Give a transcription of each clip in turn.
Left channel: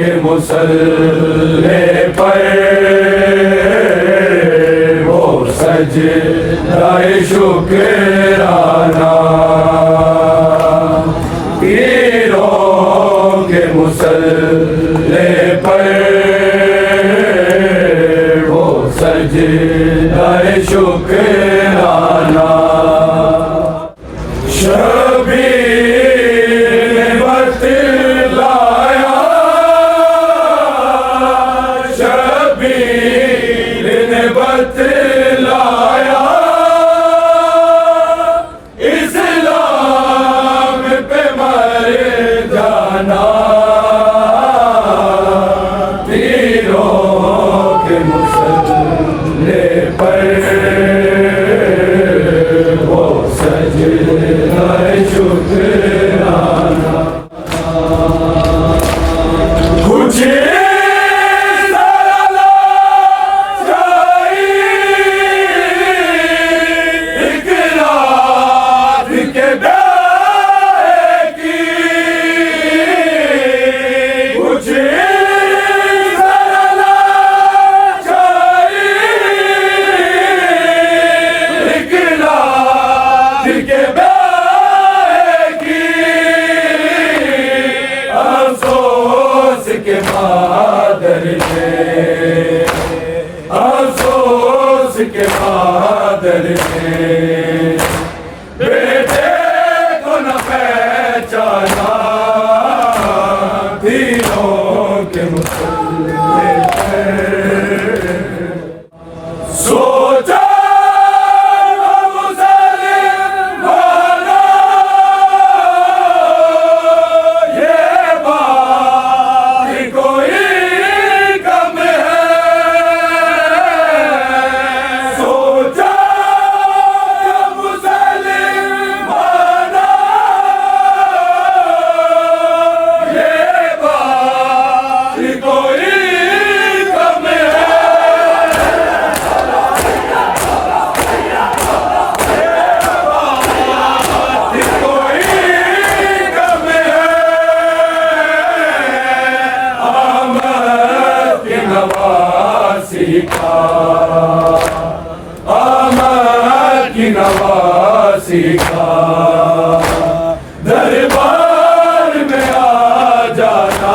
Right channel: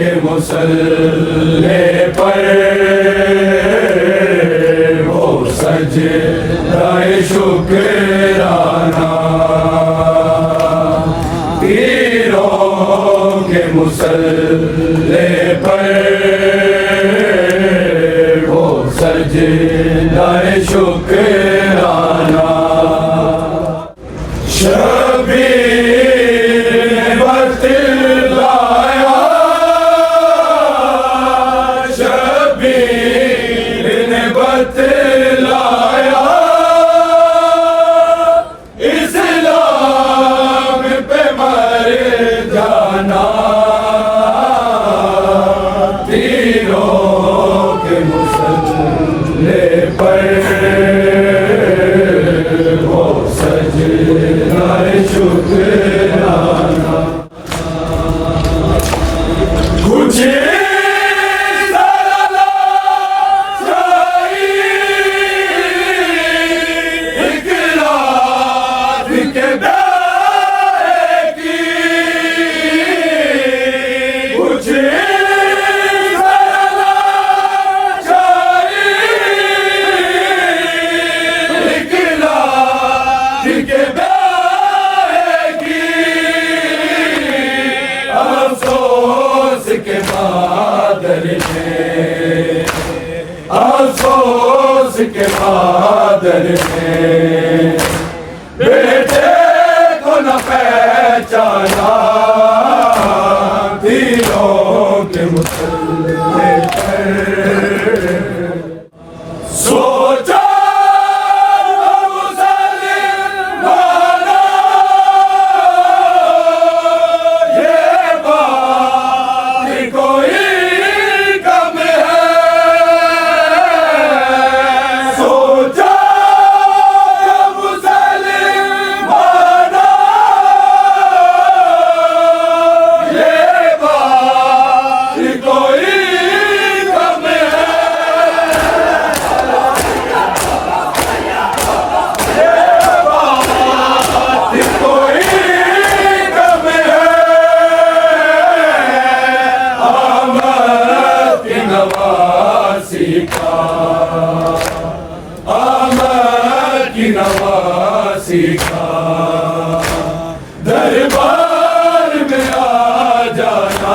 के मुसल्ले पर वो सजदाए शुक्राना, पीरों के मुसल्ले पर वो सजदाए शुक्राना। शबीर ने बतलाया, शबीर ने बतलाया, इस्लाम पे मर जाना, तीरों के मुसल्ले पर वो सजदाए शुक्राना। कुछ अफसोस के बादल में, अफसोस के बादल में बेटे को न पहचाना, तीरों के मुसल्ले पर सोचा नवासी का, आमद की नवासी का दरबार में आ जाना,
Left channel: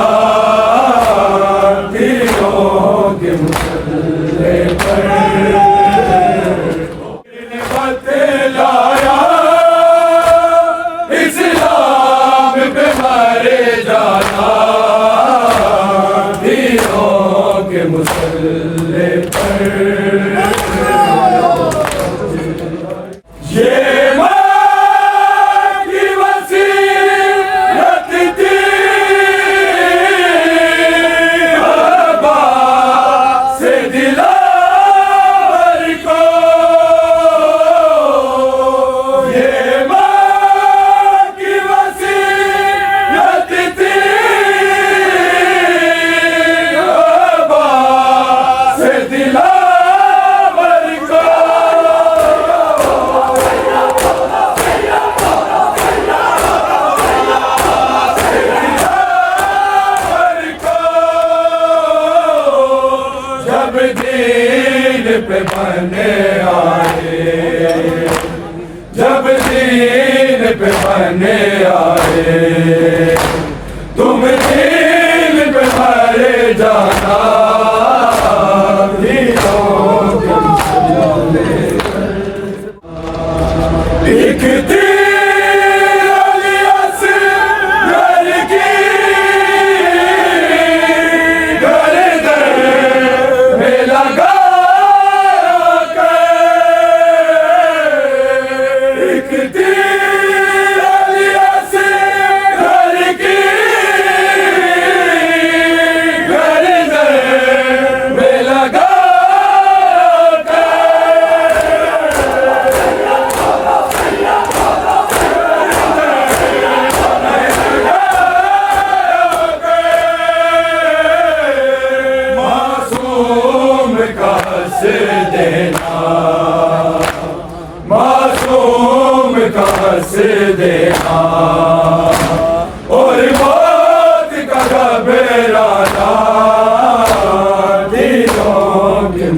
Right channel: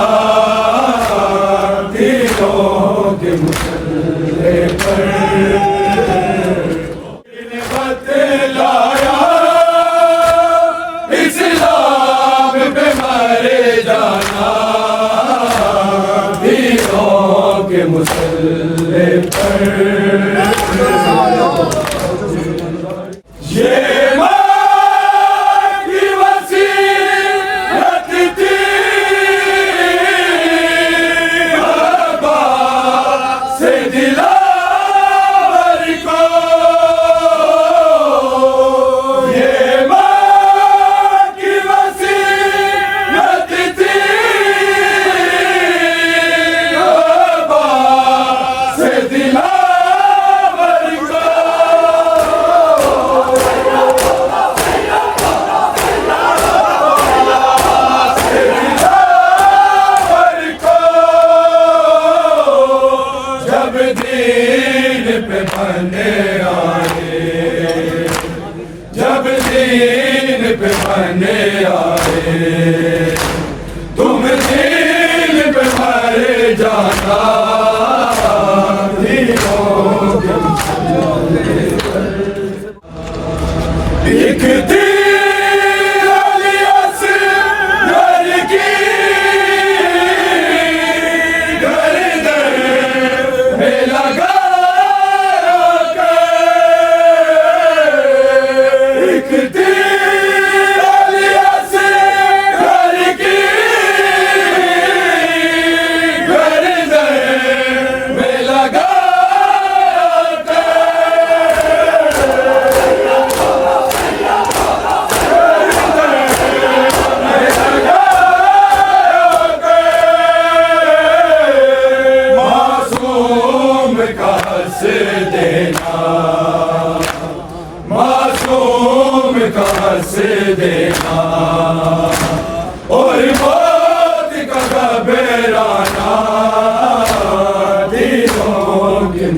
तीरों के मुसल्ले पर बतलाया, इस्लाम पे मर जाना, तीरों के मुसल्ले पर। ये माँ की वसीयत थी अब्बास से दिलावर को, ये माँ की वसीयत थी अब्बास से दिलावर बराना दिलों के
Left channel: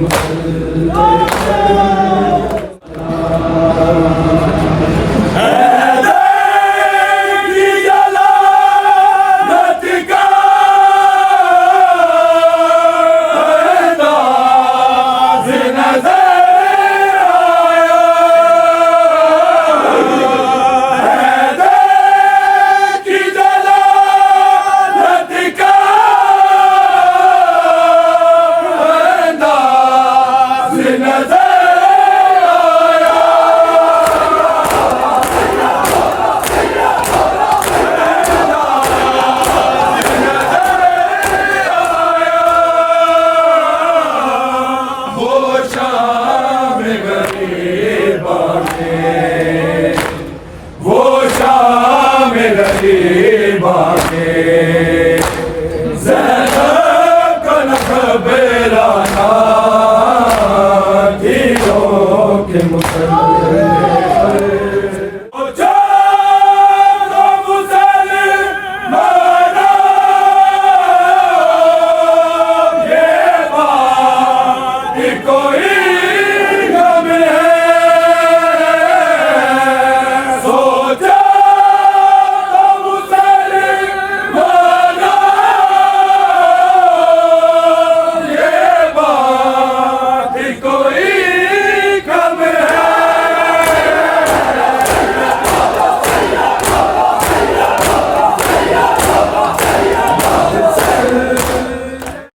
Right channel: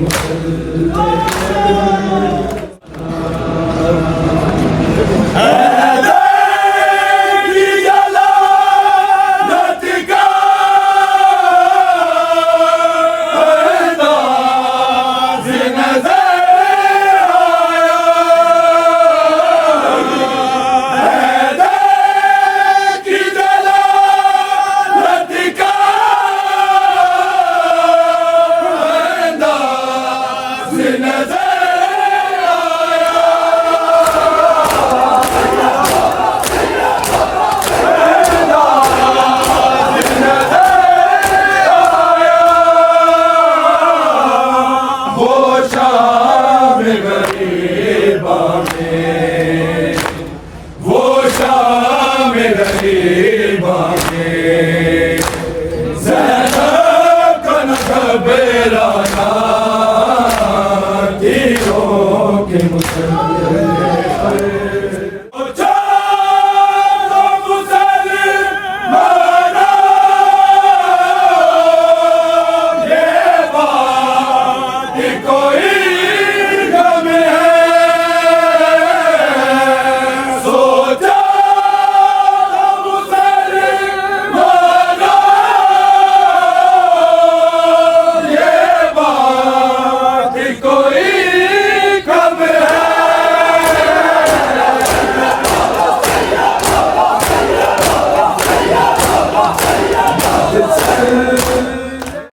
वो शाम गरीबा में ज़ैनब का न घबराना दिलों के मुसलमान